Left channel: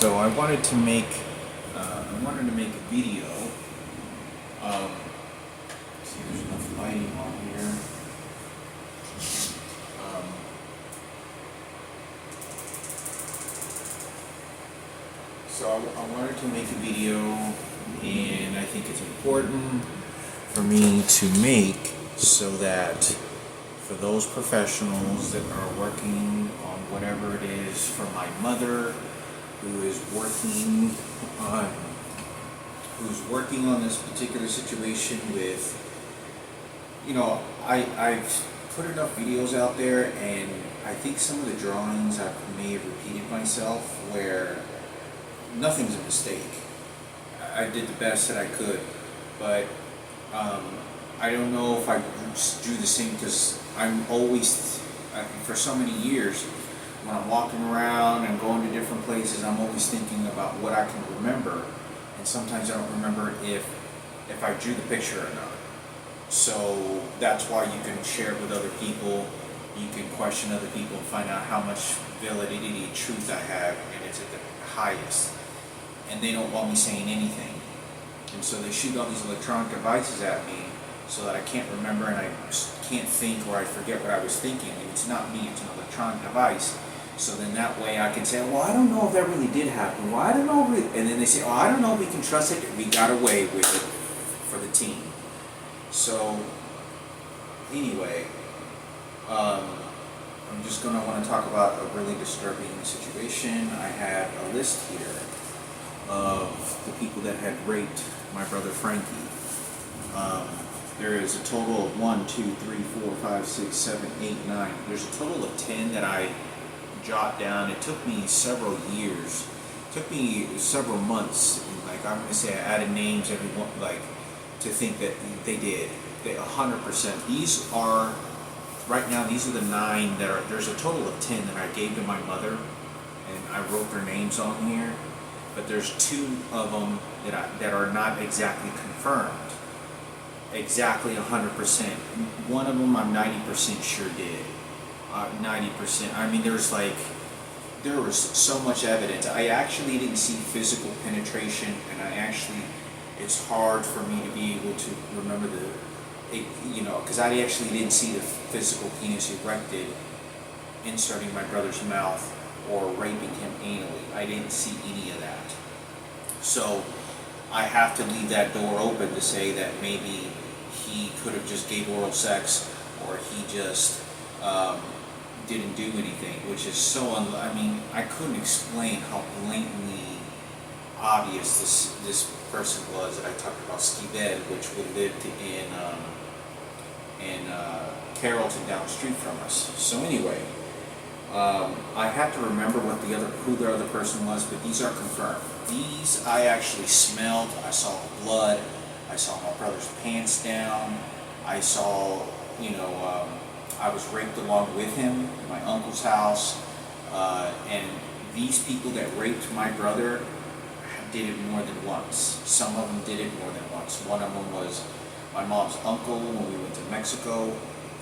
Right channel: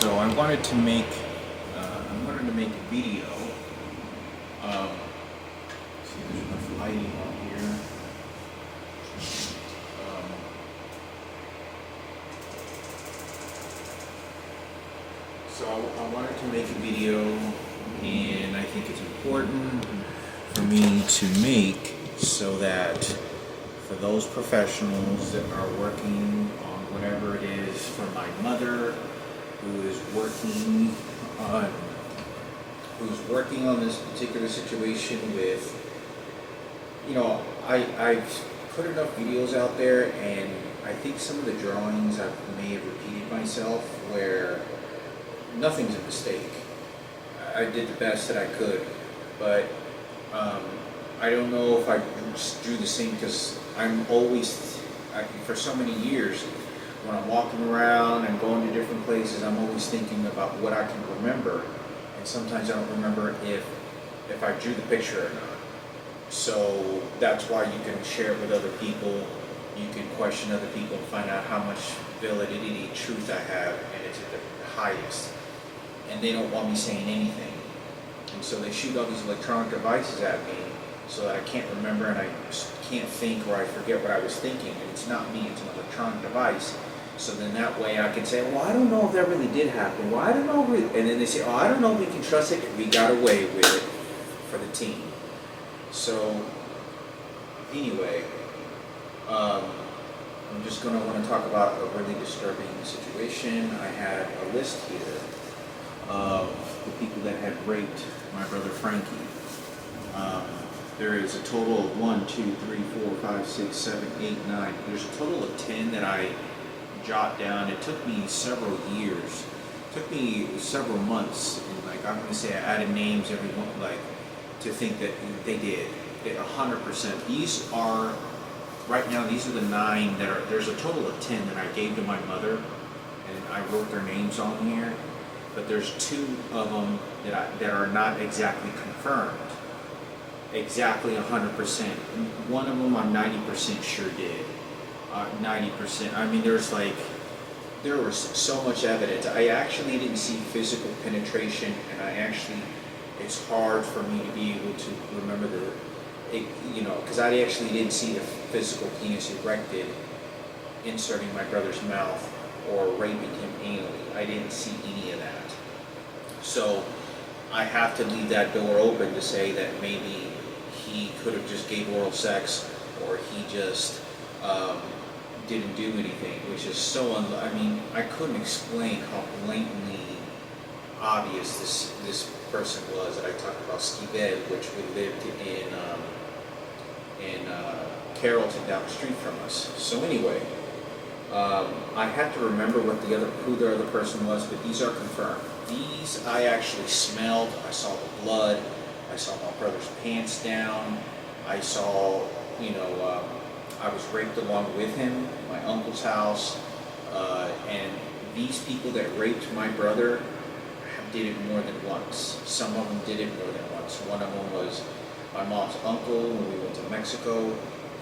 So I wanted to make a video of. See, there's enough lighting on here. Um, I wanted to make a video, and I think it's important for me to make so that for those professionals that are working on whatever it is, for my mother who is working on this particular situation with, I've put enough videos out there, and I think some of the drawings I may have repeated myself where nothing's a mistake. I did the best that I could, but I don't know if I drew the same, because for so many years, when I'm walking around and going to different places, I'm always thinking about what I can remember, and sometimes I don't remember if I drew the picture or not. So that's why you can share it with other people, you can question other people and find out how much validity, truth I have, and it's at the highest. And they don't want me saying anything. And so they shoot all these electronic devices at me so that I can't remember and I can't think, or I forget what I was thinking. And it's not me, it's an electronic device. So then that way I can say, well, I don't know if that really did happen. Well, I don't know. And then they say, oh, I don't know if we can trust it. We got away with it for the team. So anyway, I'm just going to want to talk about a really disturbing situation. I had a list here of the people that had raped my brother Frankie. There is a total of 1, 2, 3, 4, 5, 6, 7, 8, 9. There's a total of 10 that I jot down. It took me several years. It took me several months. And I'm going to say I added names every one, to think that they did. 100%. These are, right now, these are the 9 that are, there's a total of 10 that I gave to my mother, and I wrote their names on here. But there's 2 of them that are not exactly confirmed, exactly 100%. One of them I'm 90% sure did. 90%. I mean, there was so much evidence. I actually didn't see physical penetration, and it's hard for me to be able to remember because I actually didn't see the physical penis erected, inserting my brother's mouth, or raping him anally. I didn't see any of that. So I have to leave that door open to say that maybe he could have just gave oral sex, or he just didn't do anything, which is so I couldn't explain how blatantly obvious this person was that I talked about, Skibed, which lived in Carrollton, down the street from us. So anyway, I have to remember who the other person was, but these are confirmed. These I actually smelled. I saw the blood. I saw my brother's pants down. I saw, I was raped along with him at my uncle's house. And these people that raped my brother did it more than once. Some of them did it more than once. One of them was my mom's uncle when we went to Mexico.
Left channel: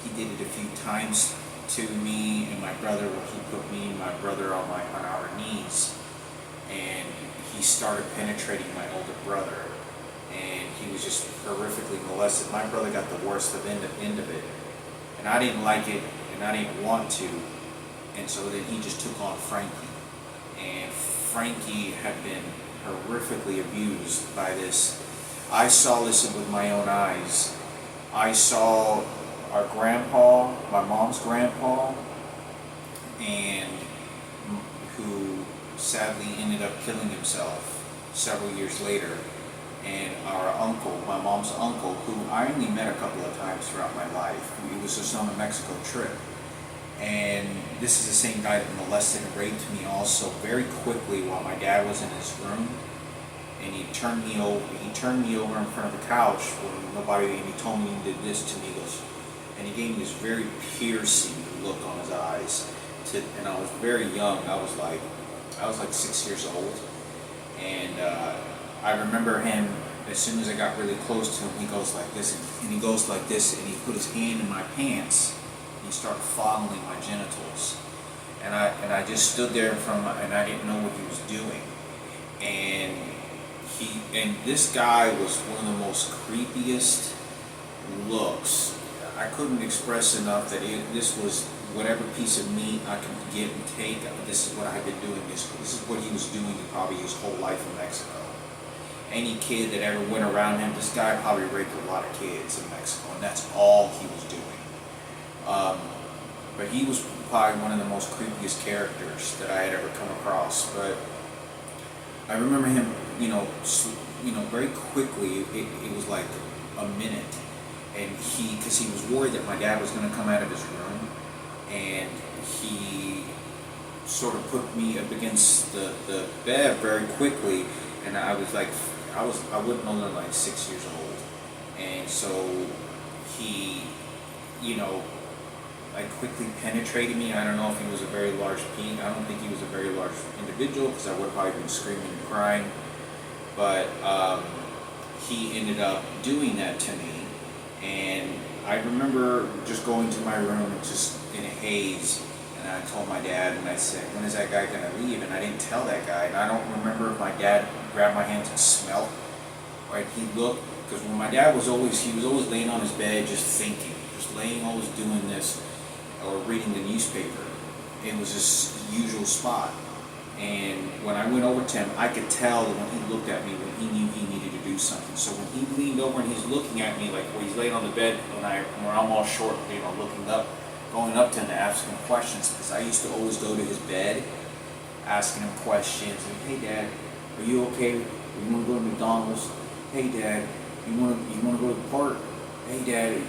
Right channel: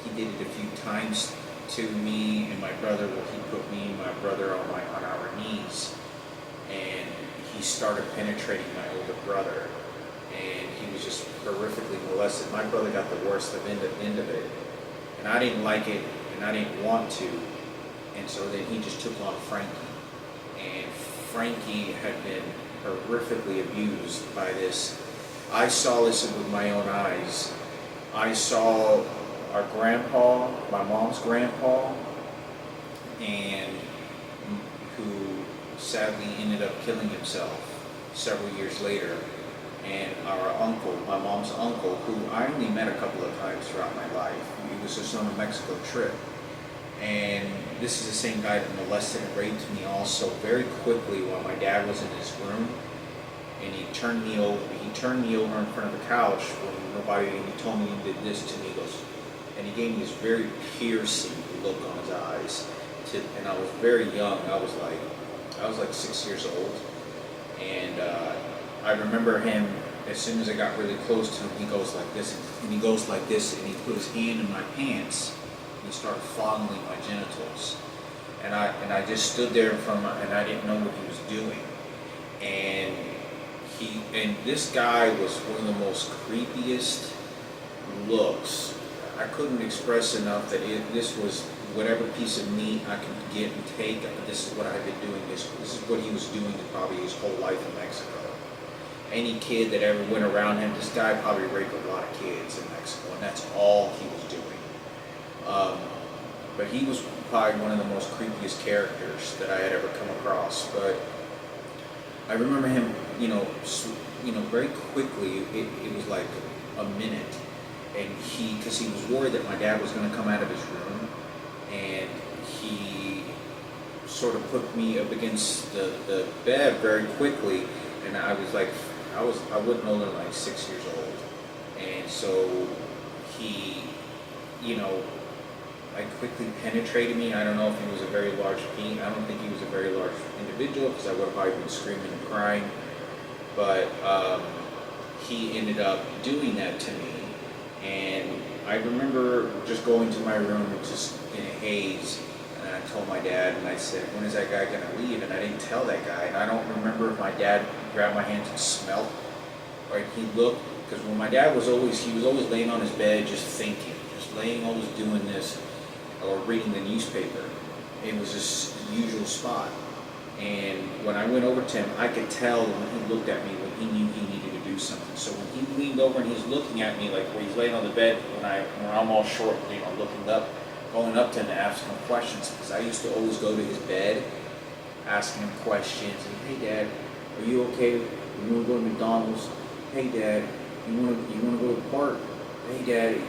He did it a few times to me and my brother, where he put me and my brother on our knees, and he started penetrating my older brother, and he was just horrifically molested. My brother got the worst end of it, and I didn't like it, and I didn't want to, and so then he just took on Frankie, and Frankie had been horrifically abused by this. I saw this with my own eyes. I saw our grandpa, my mom's grandpa, and who sadly ended up killing himself several years later, and our uncle, my mom's uncle, who I only met a couple of times throughout my life. He was just on a Mexico trip, and this is the same guy that molested and raped me also very quickly while my dad was in his room. And he turned me over in front of the couch when nobody, and he told me he did this to me. He goes, and he gave me this very piercing look on his eyes. And I was very young. I was like 6 years old. And I remember him, as soon as I got really close to him, he goes like this, and he goes like this, and he put his hand in my pants, and he started fondling my genitals. And I just stood there and I didn't know what he was doing. and this guy was one of the most creepiest looks. I couldn't express enough that this was whatever piece of meat I could get and take. This is what I had been doing. This is what he was doing probably his whole life in Mexico. Any kid that ever went around him, this guy probably raped a lot of kids in Mexico, and that's all he was doing. But he was probably one of the most creepiest characters that I had ever come across. But I remember him, very quickly. It was like a minute, and because he was worried that my dad was going to come out of his room, and he sort of put me up against the bed very quickly, and I was like, I wasn't older than like 6 years old, and so he, like quickly penetrated me. I don't know if he was a very large penis. I don't think he was a very large individual because I would have probably been screaming and crying. But he ended up doing that to me, and I remember just going to my room just in a haze, and I told my dad, and I said, "When is that guy gonna leave?" And I didn't tell that guy, and I don't remember if my dad grabbed my hands and smelled, or if he looked, because when my dad he was always laying on his bed just thinking, just laying, always doing this, or reading the newspaper. It was his usual spot. And when I went over to him, I could tell when he looked at me when he knew he needed to do something. So when he leaned over and he's looking at me, like where he's laying on the bed, when I'm all short, looking up, going up to him to ask him questions, because I used to always go to his bed, asking him questions. And, "Hey, Dad, are you okay? You want to go to McDonald's? Hey, Dad, you want to go to the park? Hey, Dad,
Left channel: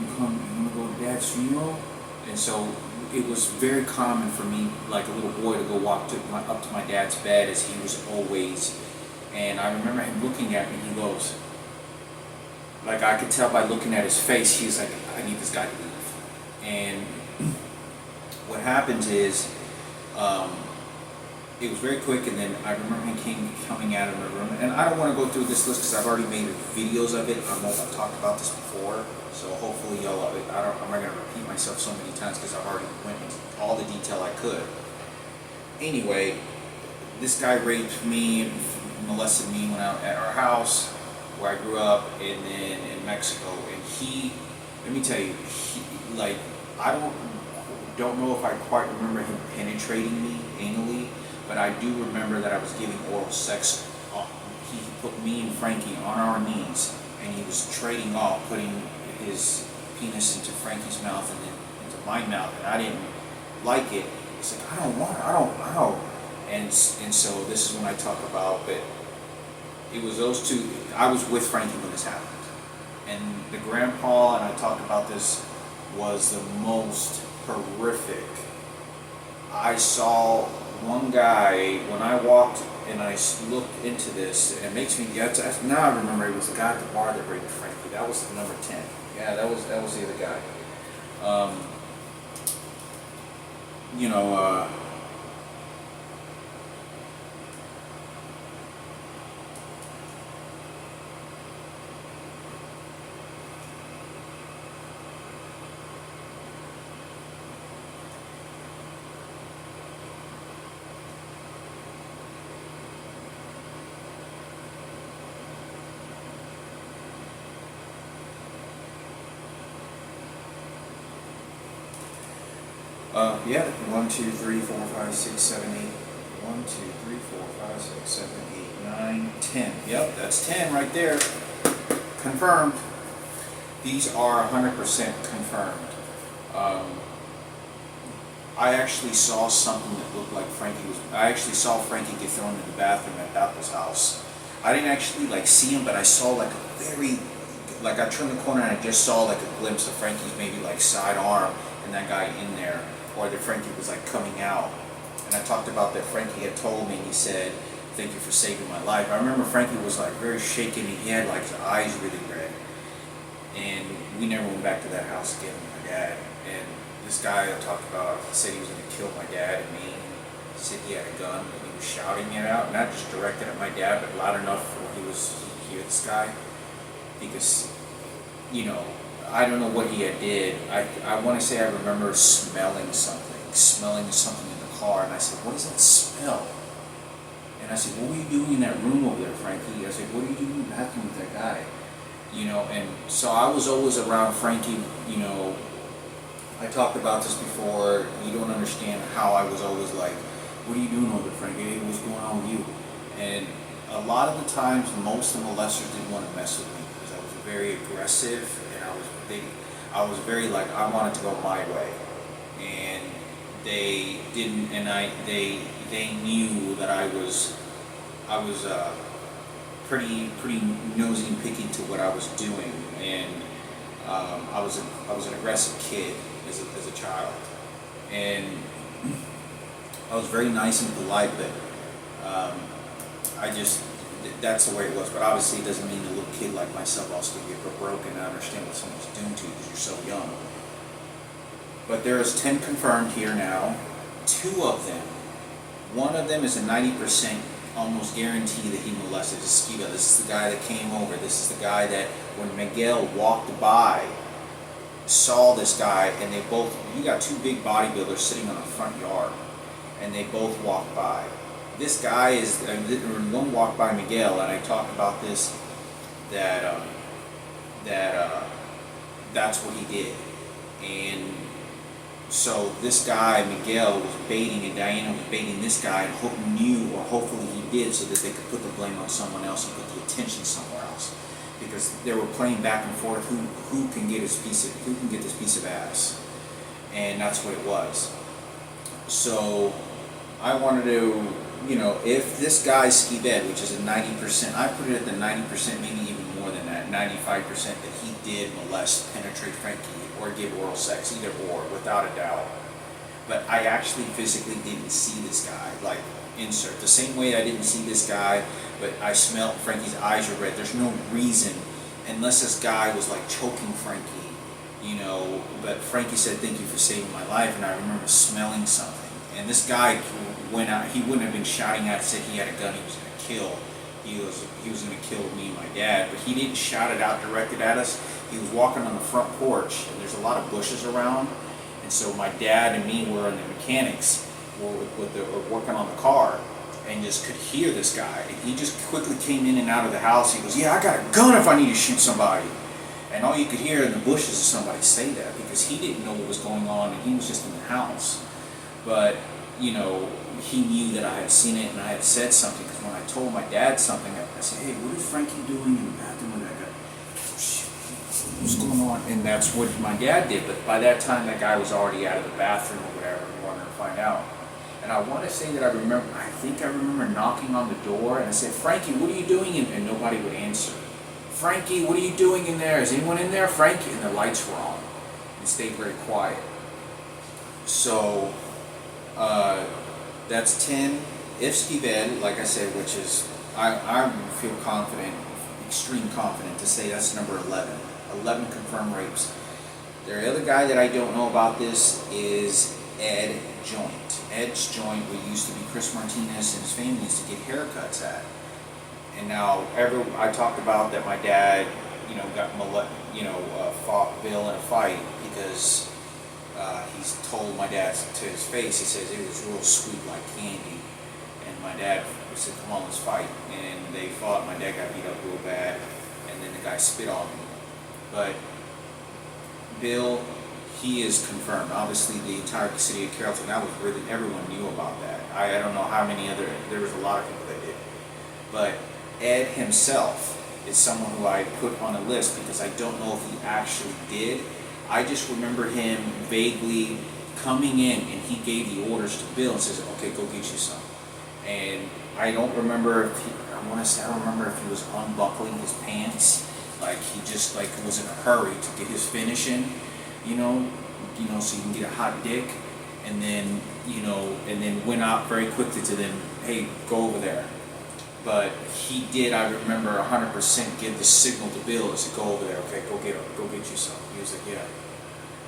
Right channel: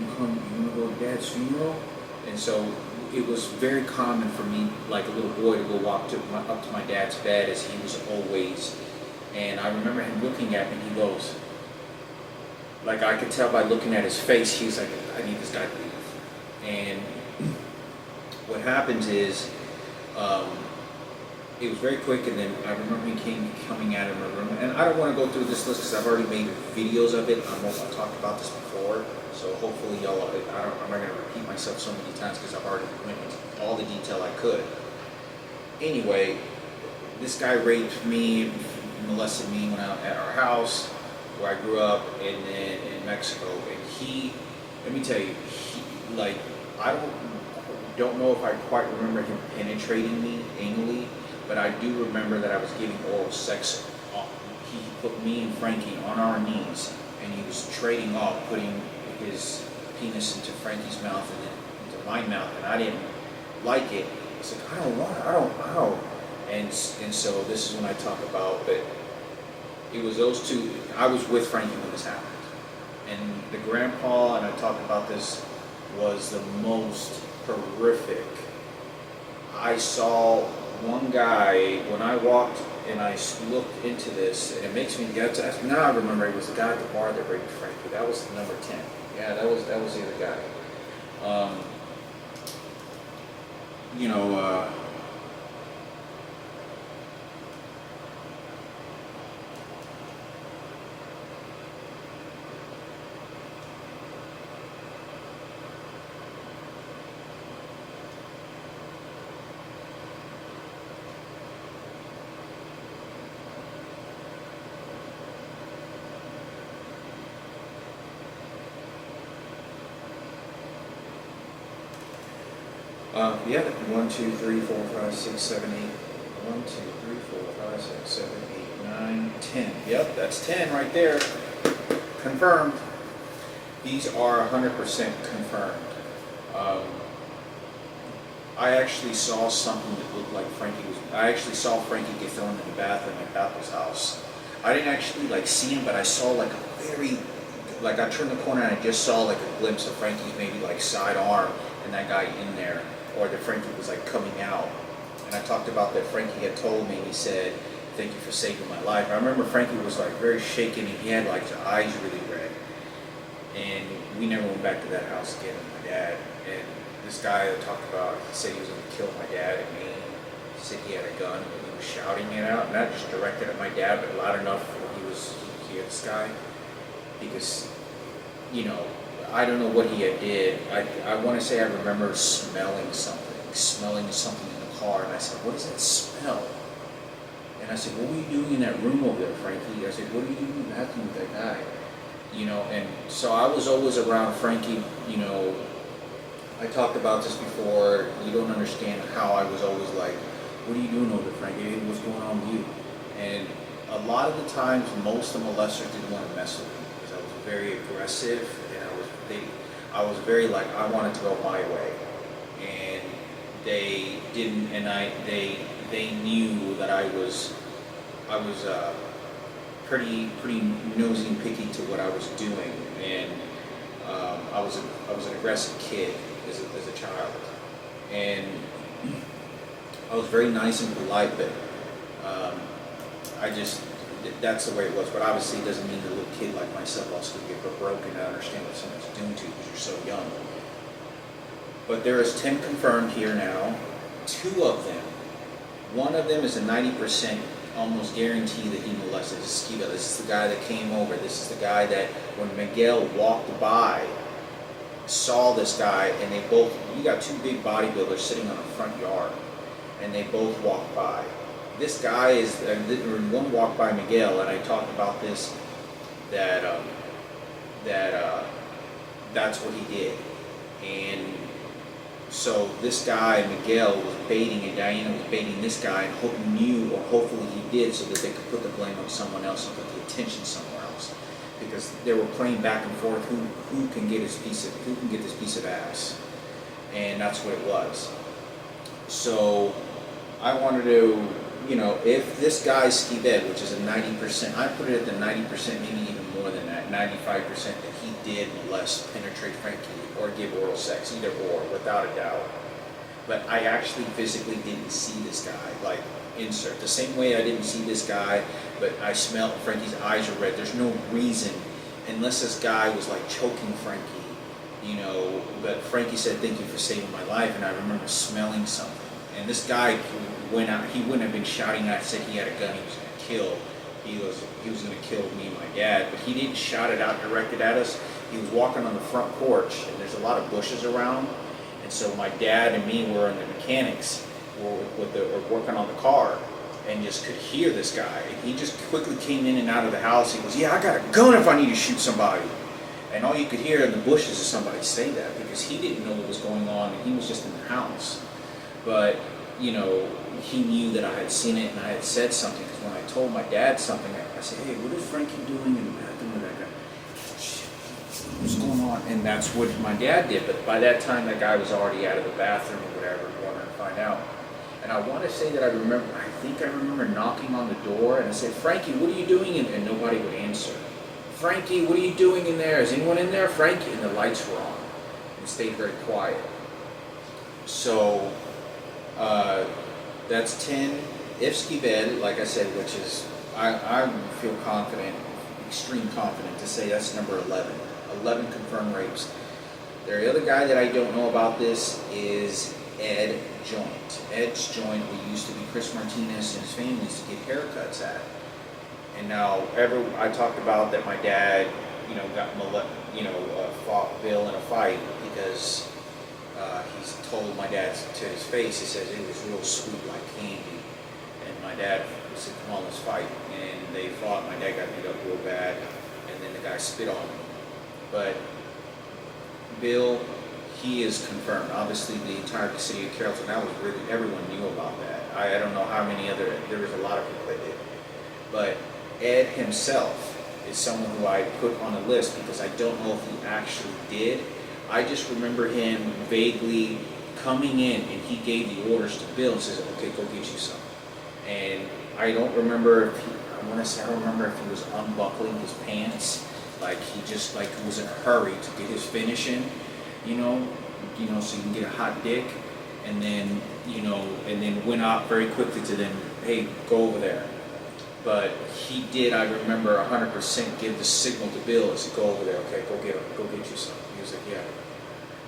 you want to go to Dad's funeral?" And so it was very common for me, like a little boy, to go walk up to my dad's bed, as he was always. And I remember him looking at me, and he goes, like I could tell by looking at his face, he was like, "I need this guy to leave." And what happens is, it was very quick, and then I remember him coming out of my room. And I don't want to go through this list because I've already made videos of it. I've talked about this before. So hopefully I'm not going to repeat myself so many times because I've already went into all the detail I could. Anyway, this guy raped me, molested me when at our house where I grew up, and then in Mexico. And let me tell you, I don't know if I quite remember him penetrating me anally, but I do remember that I was giving oral sex. He put me and Frankie on our knees, and he was trading off, putting his penis into Frankie's mouth and then into my mouth, and I didn't like it. It's like, I don't. And so this is when I talk about, but it was those two. I was with Frankie when this happened, and the grandpa, and I talked about this, was the most horrific. I saw one guy when I walked and I looked into this, and it makes me, now I remember it was the guy at the bar that raped Frankie. That was number 10. Yeah, that was the other guy. Yeah, 1, 2, 3, 4, 5, 6, 7, 8. 1, 2, 3, 4, 5, 6, 7, 8, 9, 10. Yep, that's 10 right there. Confirmed. These are 100% confirmed. I actually saw something that looked like I actually saw Frankie get thrown in the bathroom at Bethel's house. I didn't actually see him, but I saw I turned the corner and I just saw a glimpse of Frankie's maybe side arm and that guy in there, or that Frankie was coming out. And I talked about that Frankie had told me, and he said, "Thank you for saving my life." I remember Frankie was very shaken, and he had his eyes really red. And we never went back to that house again with my dad. And this guy I talked about, he said he was going to kill my dad and me. He said he had a gun, and he was shouting it out, not just directed at my dad, but loud enough where he hit this guy. Because, I don't know what he had did. I want to say I remember smelling something in the car, and I said, "What does that smell?" And I said, what were you doing in that room over there, Frankie? I said, what are you doing in the bathroom with that guy? And so I was always around Frankie. I talked about this before. You don't understand how I was always like, what are you doing over there, Frankie? Hey, what's going on with you? And a lot of the times, most of the molesters didn't want to mess with me because I was very aggressive, and I was very like, I wanted to go my way, and they didn't, and they knew that I was pretty nosy and picky to what I was doing, and I was an aggressive kid as a child, and I was very nice and polite, but that's the way it was. But obviously, it doesn't mean a little kid like myself also could get broken and understand what someone's doing to you because you're so young. But there is 10 confirmed here now. 2 of them. One of them is a 90% almost guarantee that he molested. This is Skiba. This is the guy that came over. This is the guy that when Miguel walked by, saw this guy, and you got 2 big bodybuilders sitting on a front yard, and they both walked by. This guy is, one walked by Miguel, and I talked about this, that's what he did. And so this guy, Miguel, was baiting, and Diana was baiting this guy, and hopefully he did, so that they could put the blame on someone else and put the attention somewhere else. Because they were playing back and forth, who can get this piece of ass. And that's what it was. So I wanted to, if this guy Skibed, which is a 90%, I put it at the 90%, maybe even more than that, 95% that he did molest, penetrate Frankie, or give oral sex, either or, without a doubt. But I actually physically didn't see this guy, like, insert. The same way I didn't see this guy, but I smelled Frankie's eyes are red. There's no reason, unless this guy was like choking Frankie, but Frankie said, thank you for saving my life, and I remember smelling something. And this guy went out, he wouldn't have been shouting out, said he had a gun, he was going to kill. He was going to kill me and my dad, but he didn't shout it out directed at us. He was walking on the front porch, and there's a lot of bushes around, and so my dad and me were on the mechanics, were working on the car, and just could hear this guy. And he just quickly came in and out of the house. He goes, yeah, I got a gun if I need to shoot somebody. And all you could hear in the bushes is somebody say that, because he didn't know what was going on, and he was just in the house. But he knew that I had seen it, and I had said something, because when I told my dad something, I said, hey, what is Frankie doing in the bathroom with that guy? What's going on? And that's what my dad did. But by that time, that guy was already out of the bathroom or whatever, wanted to find out. And I want to say that I think I remember knocking on the door, and I said, Frankie, what are you doing in there? And nobody would answer. Frankie, what are you doing in there? Is anyone in there? Frankie? And the lights were on. And it stayed very quiet. So, that's 10. If Skibed, like I said, which is, I feel confident, extreme confident to say that's number 11. 11 confirmed rapes. The other guy that I don't know about this is Ed Joint. Ed's Joint, we used to be Chris Martinez and his family used to get haircuts at. And now, I talked about that my dad, fought Bill in a fight because he's told my dad to his face, he says it was real sweet like candy. And my dad said, come on, let's fight. And they fought, my dad got beat up real bad, and then the guy spit on me. But Bill, he is confirmed. Obviously, the entire city of Carrollton, everyone knew about that. I don't know how many there was a lot of people that did. But Ed himself is someone who I put on the list because I don't know if he actually did. I just remember him vaguely coming in, and he gave the orders to Bill and says, okay, go get you some. And I don't remember if I don't remember if he was unbuckling his pants. Like he just was in a hurry to get his finish in, so you can get a hot dick, and then went out very quickly to them, hey, go over there. But he did, I remember 100% give the signal to Bill and said, go over there, okay, go get you some. He was like,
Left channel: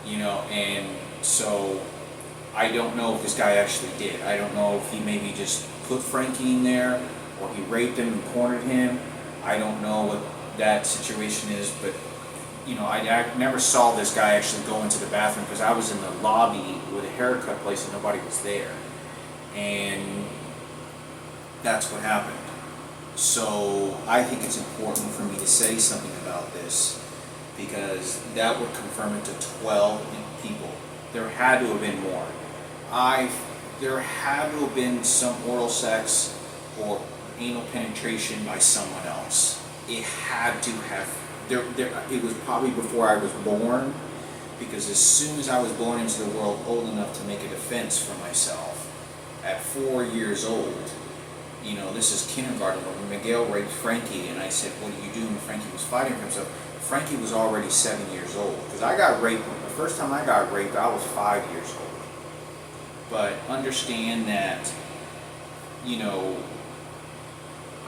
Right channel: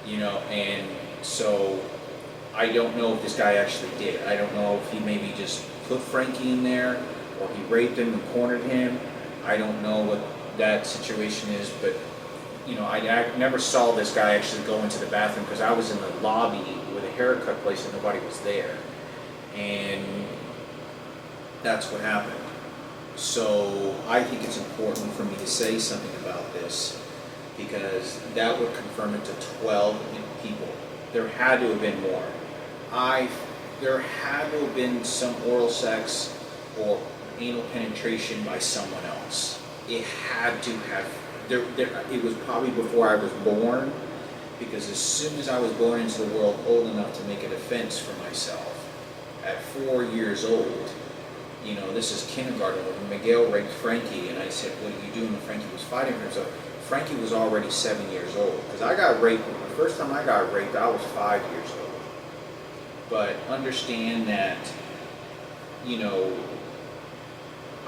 yeah, and so I don't know if this guy actually did. I don't know if he maybe just put Frankie in there, or he raped him and cornered him. I don't know what that situation is, but I never saw this guy actually go into the bathroom because I was in the lobby with a haircut place and nobody was there. And that's what happened. So I think it's important for me to say something about this, because that would confirm it to 12 people. There had to have been more. There had to have been some oral sex or anal penetration by someone else. It had to have. It was probably before I was born, because as soon as I was born into the world old enough to make a defense for myself, at 4 years old, this is kindergarten, when Miguel raped Frankie, and I said, "What are you doing?" And Frankie was fighting for himself. Frankie was already 7 years old, because I got raped. The first time I got raped, I was 5 years old. But understand that,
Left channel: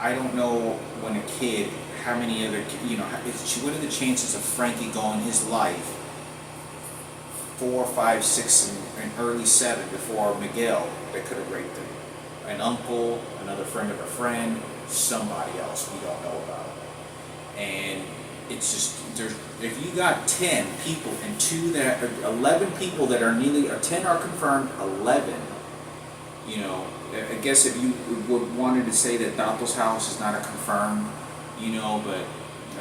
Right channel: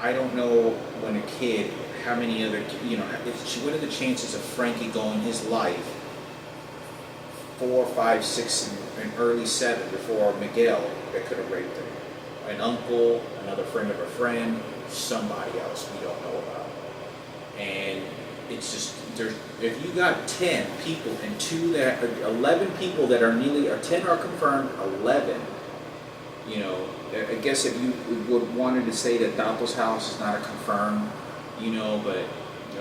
I don't know when a kid, how many other, what are the chances of Frankie going his life 4, 5, 6, and early 7 before Miguel that could have raped him? An uncle, another friend of a friend, somebody else we don't know about. And it's just, if you got 10 people and 11 people that are nearly, or 10 are confirmed, 11, I guess if you would wanted to say that Dato's house is not a confirmed, but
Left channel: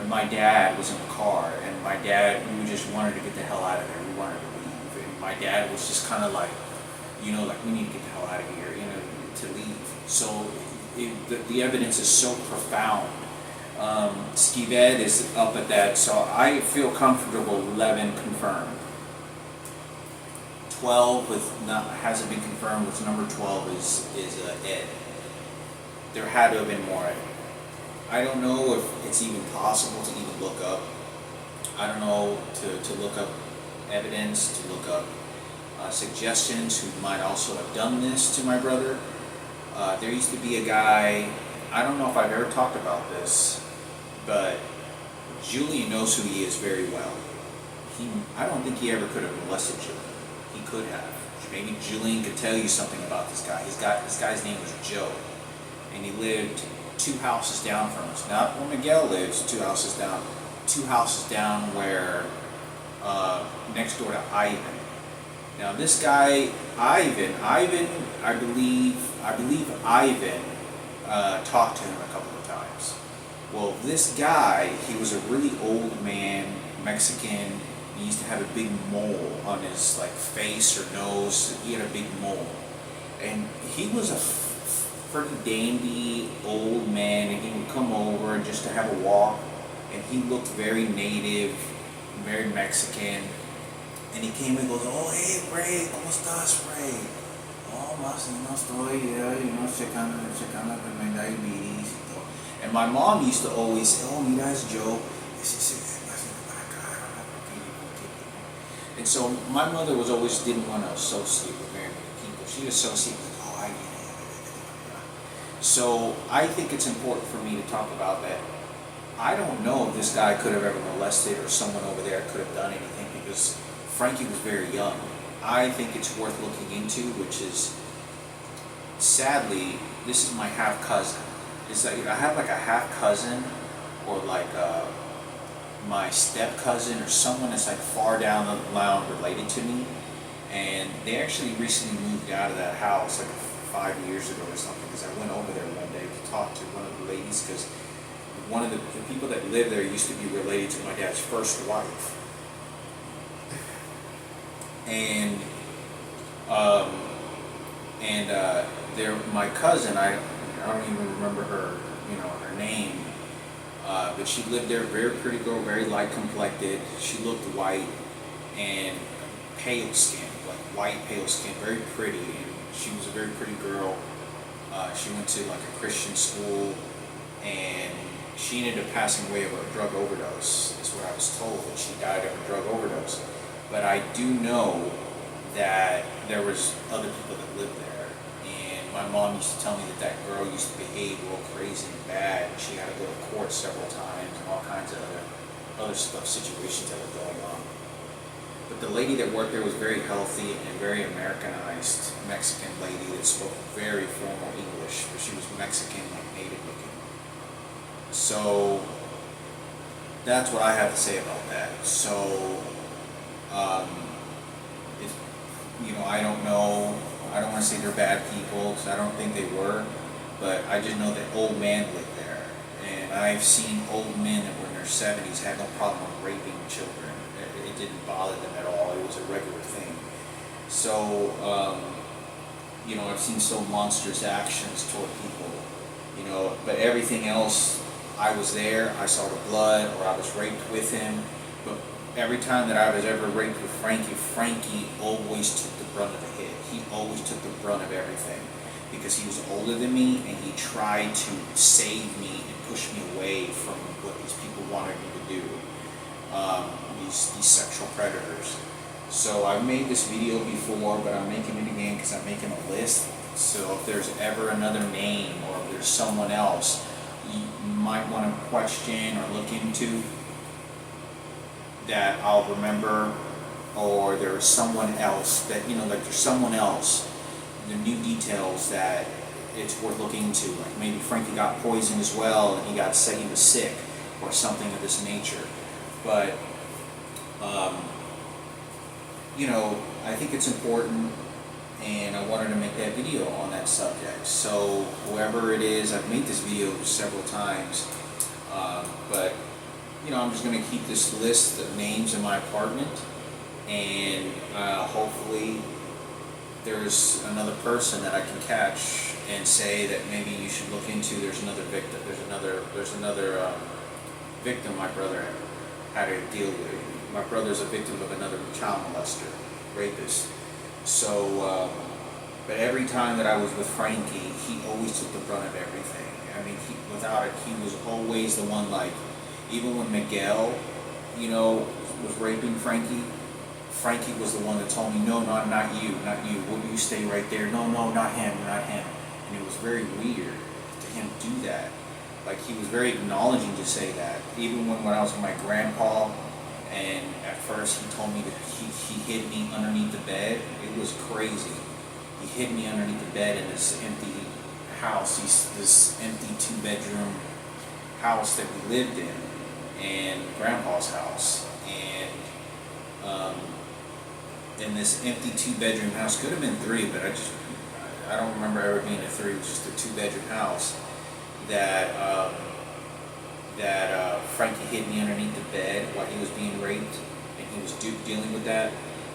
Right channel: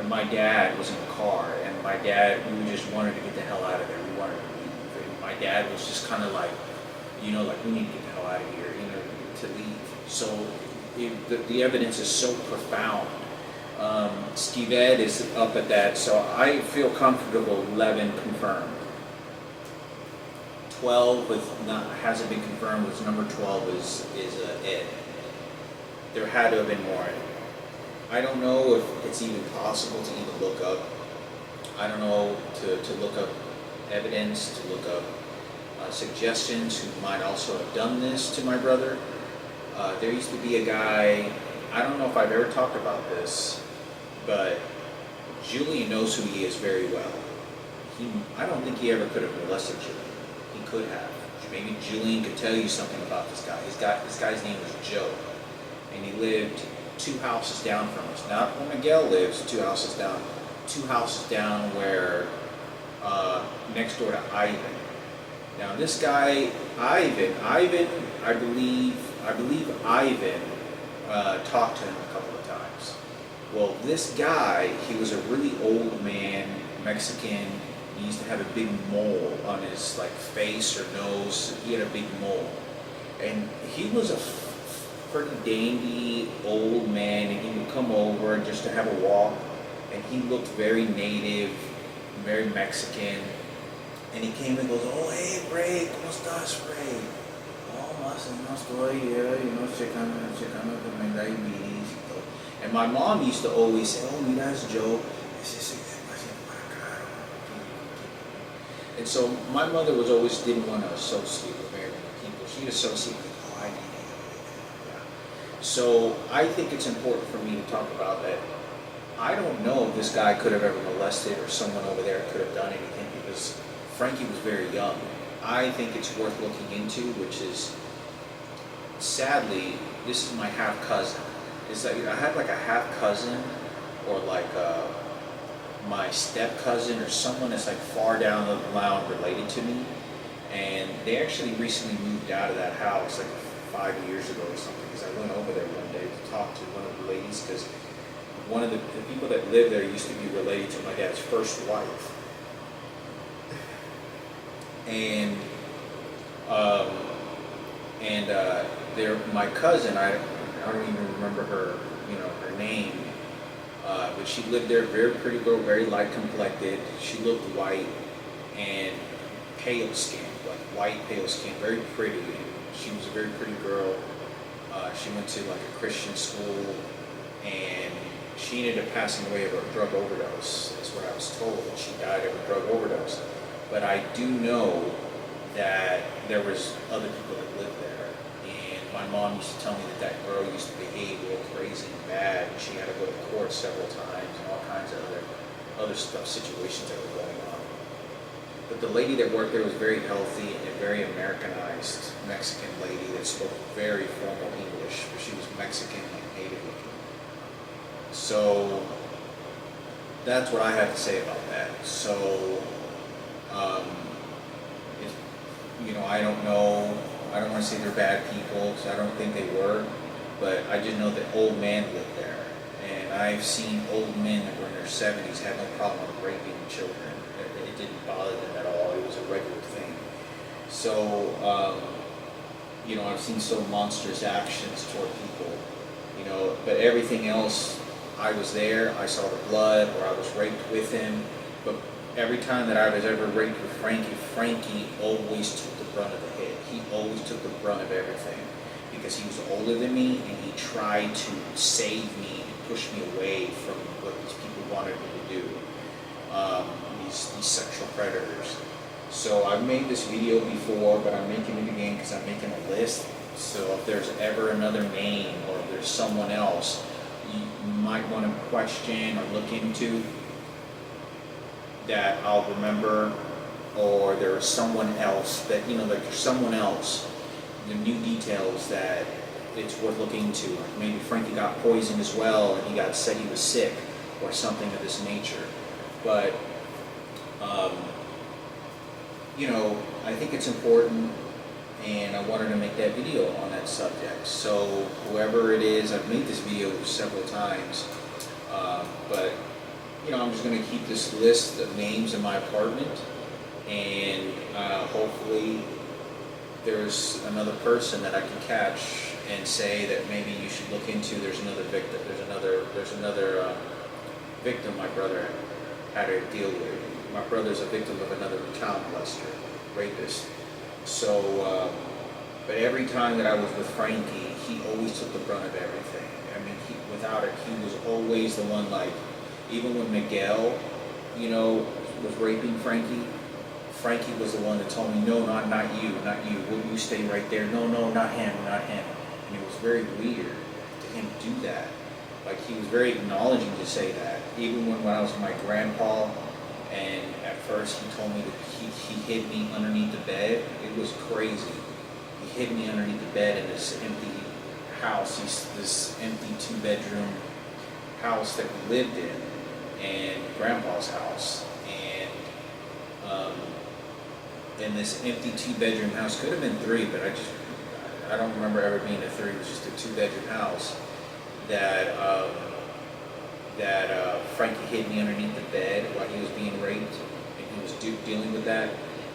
my dad was in the car, and my dad, we just wanted to get the hell out of there. We wanted to leave. And my dad was just kind of like, we need to get the hell out of here, to leave. So the evidence is so profound. Skived is up at that, so I feel comfortable 11 confirmed. 12 hasn't been confirmed, with number 12 is Ed. There had to have been more. I don't know if it's even possible to even look up. I don't know, to look up evidence, to look up suggestions who might also have done this to my brother. There used to be a guy, I don't know if I've ever talked about this, but Julian knows who he is very well. I don't think he ever could have molested Julian. He could have. Maybe Julian could tell you something about this guy. This guy's name was Joe, and he lived 2 houses down from us. Not where Miguel lives, 2 houses down. 2 houses down where, next door to Ivan. Now this guy, Ivan, I believe Ivan talked to him a couple of times. Well, this guy, he was a really old man, Mexican. He used to have a big mole on his face or nose. He had a big mole, and he was a pretty dandy old man. And he would come over just to have a walk, and he looked very native, very Mexican. And he came and goes, "Oh, hey, Ray, ¿cómo estás, Ray? Oh, más no estoy, checando que me diabetes." And my mom used to always say, "Oh, mira, it's Joe." And so my mother didn't want to associate with very many people. She'd associate with, "Oh, I need it." So I think it's important for me to talk about that. I don't know if this guy could have ever molested, or someone over there could have done anything, because Frankie was very young. I think it's worth looking into, which is, sadly, this is my half cousin. It's like I have like a half cousin, or like my step cousin, or someone that's like far down the line related to me, and they actually recently moved out of that house like 5 years ago or something, because I went over there one day to talk to one of the ladies, because one of the people that lived there used to be related to my dad's first wife. And my cousin, I don't even remember her, her name, but she lived there, very pretty girl, very light complected. She looked white and pale skin, like white pale skin, very pretty. And she was a very pretty girl. She went to like a Christian school, and she ended up passing away of a drug overdose, is what I was told. She died of a drug overdose. But I do know that there was other people that lived there, and my mom used to tell me that girl used to behave real crazy and bad. She had to go to court several times, and all kinds of other stuff, situations that were going on. But the lady that worked there was very healthy and very Americanized Mexican lady that spoke very formal English, but she was Mexican and native looking. So that's what I have to say about that. So I don't know. I don't want to say they're bad people, because I don't think they were. but I just know that old man lived there, and I've seen old men that were in their 70s had no problem with raping children. It didn't bother them at all. It was a regular thing. So, I've seen so monstrous actions toward people, but everything else, I was there, I saw the blood, or I was raped with him. But every time that I was ever raped with Frankie always took the brunt of the hit. He always took the brunt of everything because he was older than me, and he tried to save me and push me away from what these people wanted me to do, these sexual predators. So I've made this video before, but I'm making it again because I'm making a list. So if there's ever another name, or if there's someone else you might want to question or look into, that I'll remember, or there's someone else that, like there's someone else, the new details that it's worth looking into. Like maybe Frankie got poisoned as well, and he was sick, or something of this nature. But, I think it's important, and I wanted to make that video on that subject. So whoever it is, I've made this video several times, but I'm just going to keep this list of names in my apartment, and hopefully there's another person that I can catch and say that maybe you should look into. There's another victim. There's another victim my brother had to deal with. My brother's a victim of another child molester, rapist. So, but every time that I was with Frankie, he always took the brunt of everything. I mean, without it, he was always the one, like, even when Miguel, was raping Frankie, Frankie was the one that told me, no, not you. Will you stay right there? No, not him. And it was very weird to him do that. Like, he was very acknowledging to say that. Even when I was with my grandpa, and at first he told me that he hid me underneath the bed. It was crazy. He hid me underneath the bed in this empty house, this empty 2-bedroom house that we lived in, and Grandpa's house. And in this empty 2-bedroom house, could have been 3, but I don't remember ever being a 3. It was just a 2-bedroom house that Frankie hid me underneath the bed while he was being raped, and he was dealing with that.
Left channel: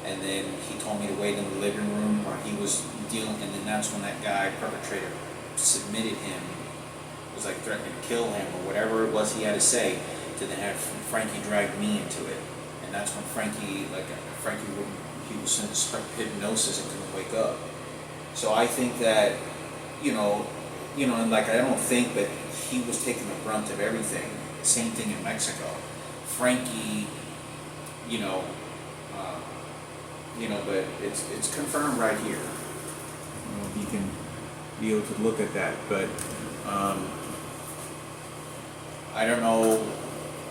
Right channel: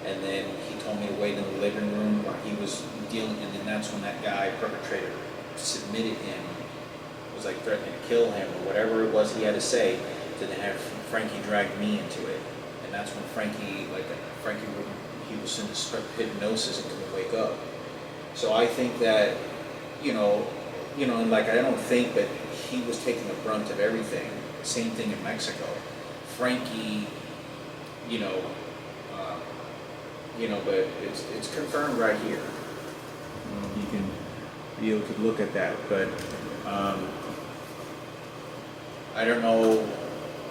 And then he told me to wait in the living room while he was dealing, and then that's when that guy, perpetrator, submitted him, was like threatening to kill him, or whatever it was he had to say, to then have Frankie drag me into it. And that's when Frankie he was in this hypnosis and couldn't wake up. So I think that, and like, I don't think that he was taking the brunt of everything. Same thing in Mexico. Frankie, but it's confirmed right here. You can be able to look at that, but I don't know.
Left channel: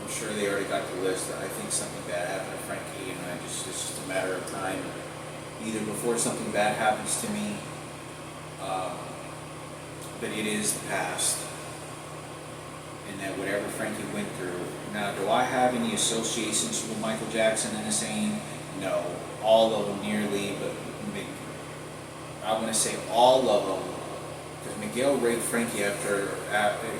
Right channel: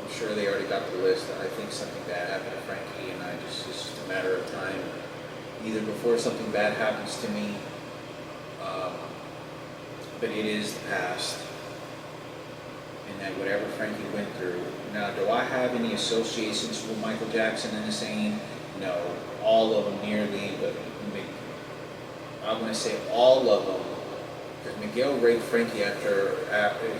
I'm sure they already got the list. I think something bad happened to Frankie, and it's just a matter of time. Either before something bad happens to me, but it is the past, and that whatever Frankie went through. Now, do I have any associations with Michael Jackson and the same? No, all of them nearly, but I want to say all of them, because Miguel raped Frankie after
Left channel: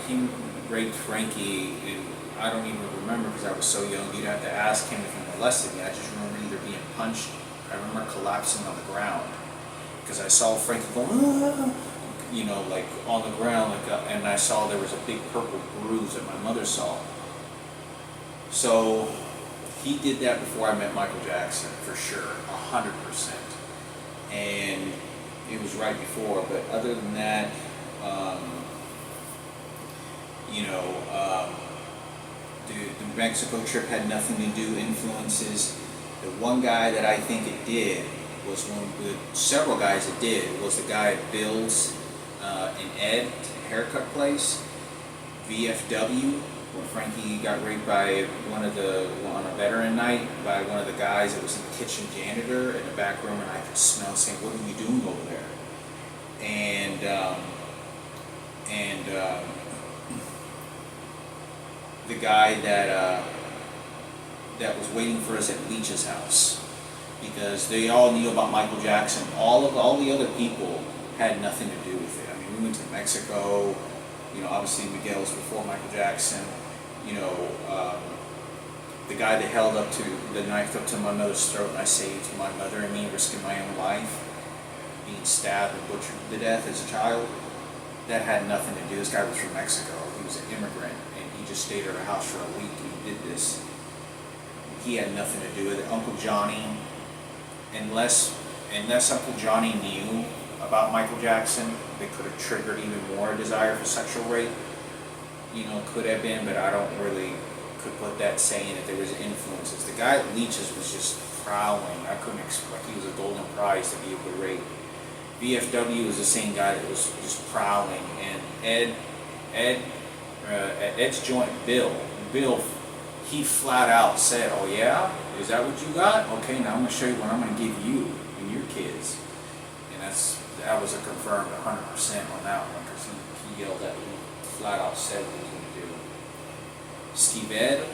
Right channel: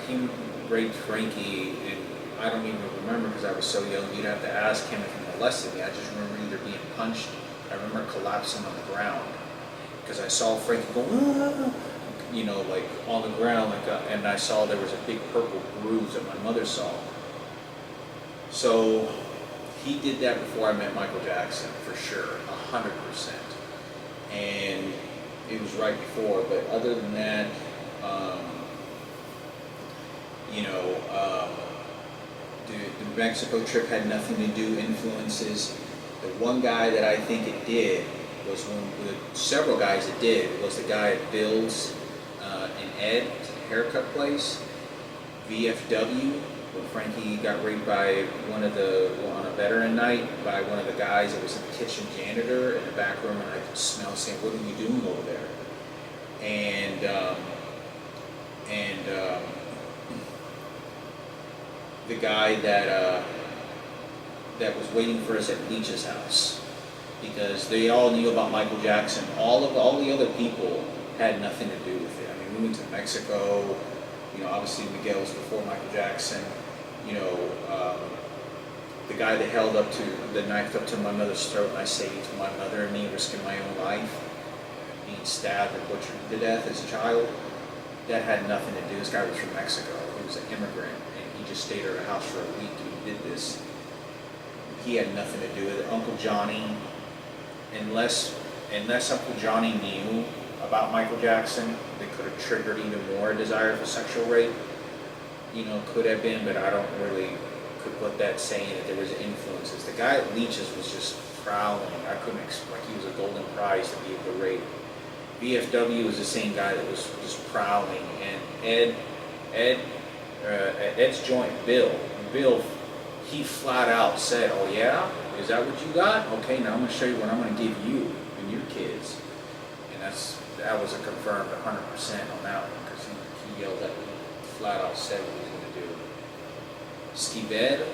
he raped Frankie, and I don't even remember because I was so young. You'd have to ask him if he molested me. I just remember either being punched. I remember collapsing on the ground because I saw Frankie go, like on the ground, and I saw there was a big purple bruise that my mother saw. So he did that before I met Michael Jackson, for sure, 100%. And it was right before, but other than that, the Mexico trip had nothing to do, influences. The one guy that I think it did was several guys it did, was the guy at Bill's in Ed, haircut place, VFW, where Frankie got raped by on a veteran night, by one of the guys that was in the kitchen janitor in the back room, and I could smell saying, "What are you doing over there?" And the guy that was waiting for us at Leach's house, because they all knew about Michael Jackson. All the other people had nothing to do with it. I mean, we movement to Mexico. Obviously Miguel was before Michael Jackson. The guy that held up to the knife up to my mother's throat, and I saved my mother and me, risking my own life, being stabbed and butchered to death as a child. That had nothing to do. This guy was from Mexico. He was an immigrant, and he just stayed at our house for a week, and he did this. He had nothing to do with it. Uncle Johnny, unless Uncle Johnny knew about Michael Jackson, they could have triggered even more desire for sexual rape. Could have been, but I don't really could put that saying that there was influences. The guy at Leach's was just prowling. I couldn't expect, he was a golden prize to be able to rape. VFW was the same guy that was just prowling, and Ed's joint, Bill, he flat out said, "Oh yeah, is that what you got? Okay, now I'm going to show you what I'm going to give you and your kids." And that was a confirmed 100% on that one, because he yelled at me, flat out said what he was going to do. Steve Ed,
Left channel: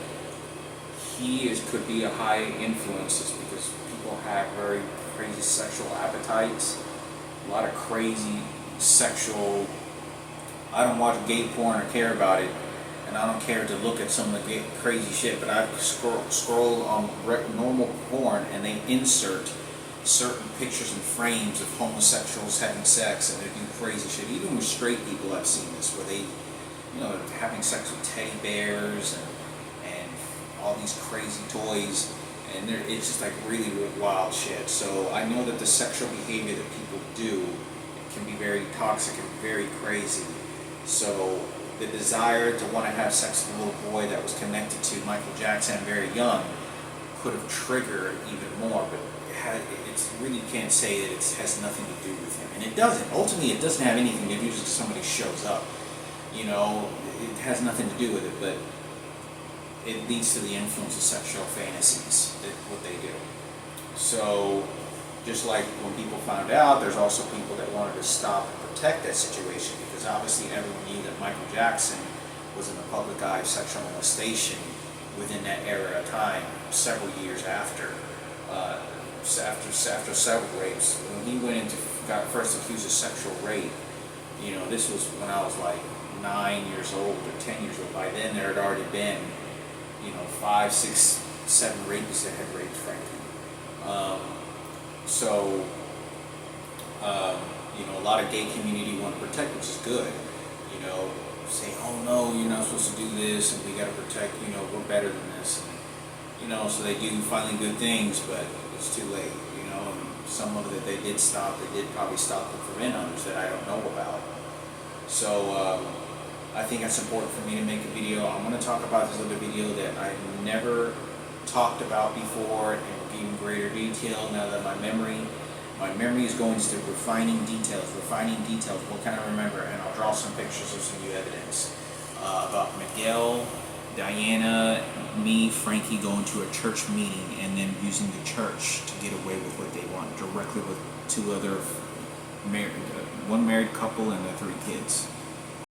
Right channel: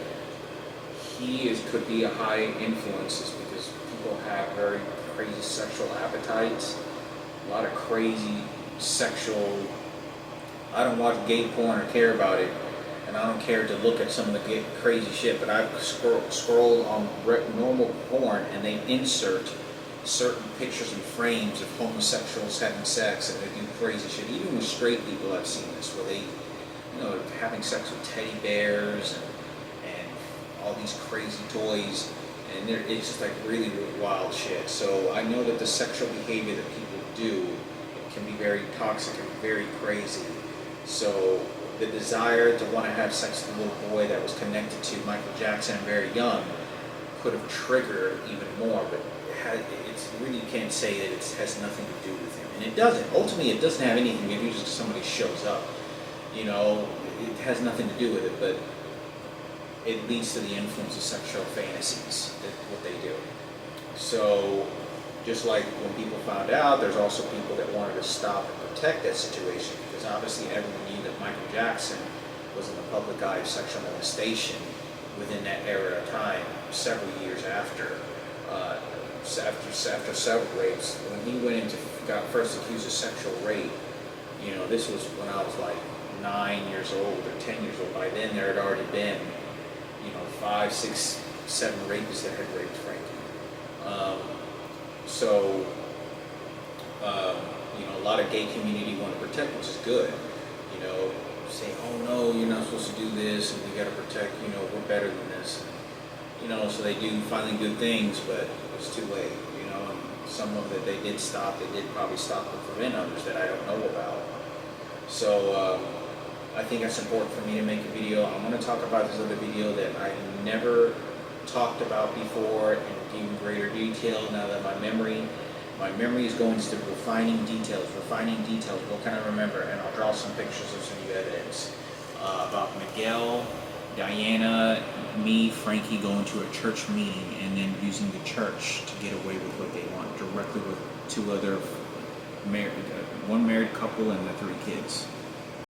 could be a high influence because people have very crazy sexual appetites. A lot of crazy sexual. I don't watch gay porn or care about it, and I don't care to look at some of the crazy shit. But I've scrolled on normal porn, and they insert certain pictures and frames of homosexuals having sex, and they do crazy shit. Even with straight people, I've seen this, where they, having sex with teddy bears and all these crazy toys. And it's just like really, really wild shit. So I know that the sexual behavior that people do can be very toxic and very crazy. So the desire to want to have sex with a little boy that was connected to Michael Jackson and very young could have triggered even more. But it's really can't say that it has nothing to do with him. And it doesn't. Ultimately, it doesn't have anything to do with somebody shows up. It has nothing to do with it, but it leads to the influence of sexual fantasies, what they do. So, just like when people found out, there's also people that wanted to stop and protect that situation, because obviously everyone knew that Michael Jackson was in the public eye of sexual molestation within that era of time, several years after several rapes. When he got first accused of sexual rape, this was when I was like 9 years old or 10 years old. By then there had already been 5, 6, 7 rapists that had raped Frankie. A lot of gay community want to protect, which is good. Say, "Oh no, you're not supposed to do this, and we got to protect. We're better than this." So they do finally good things, but it's too late. And some of it they did stop. They did probably stop to prevent others that I don't know about. So. I think it's important for me to make a video. I'm going to talk about this other video that I've never talked about before in even greater detail. Now that my memory is going to refining details, what can I remember, and I'll draw some pictures of some new evidence about Miguel, Diana, me, Frankie going to a church meeting and then using the church to get away with what they want, directly with two other one married couple and the 3 kids.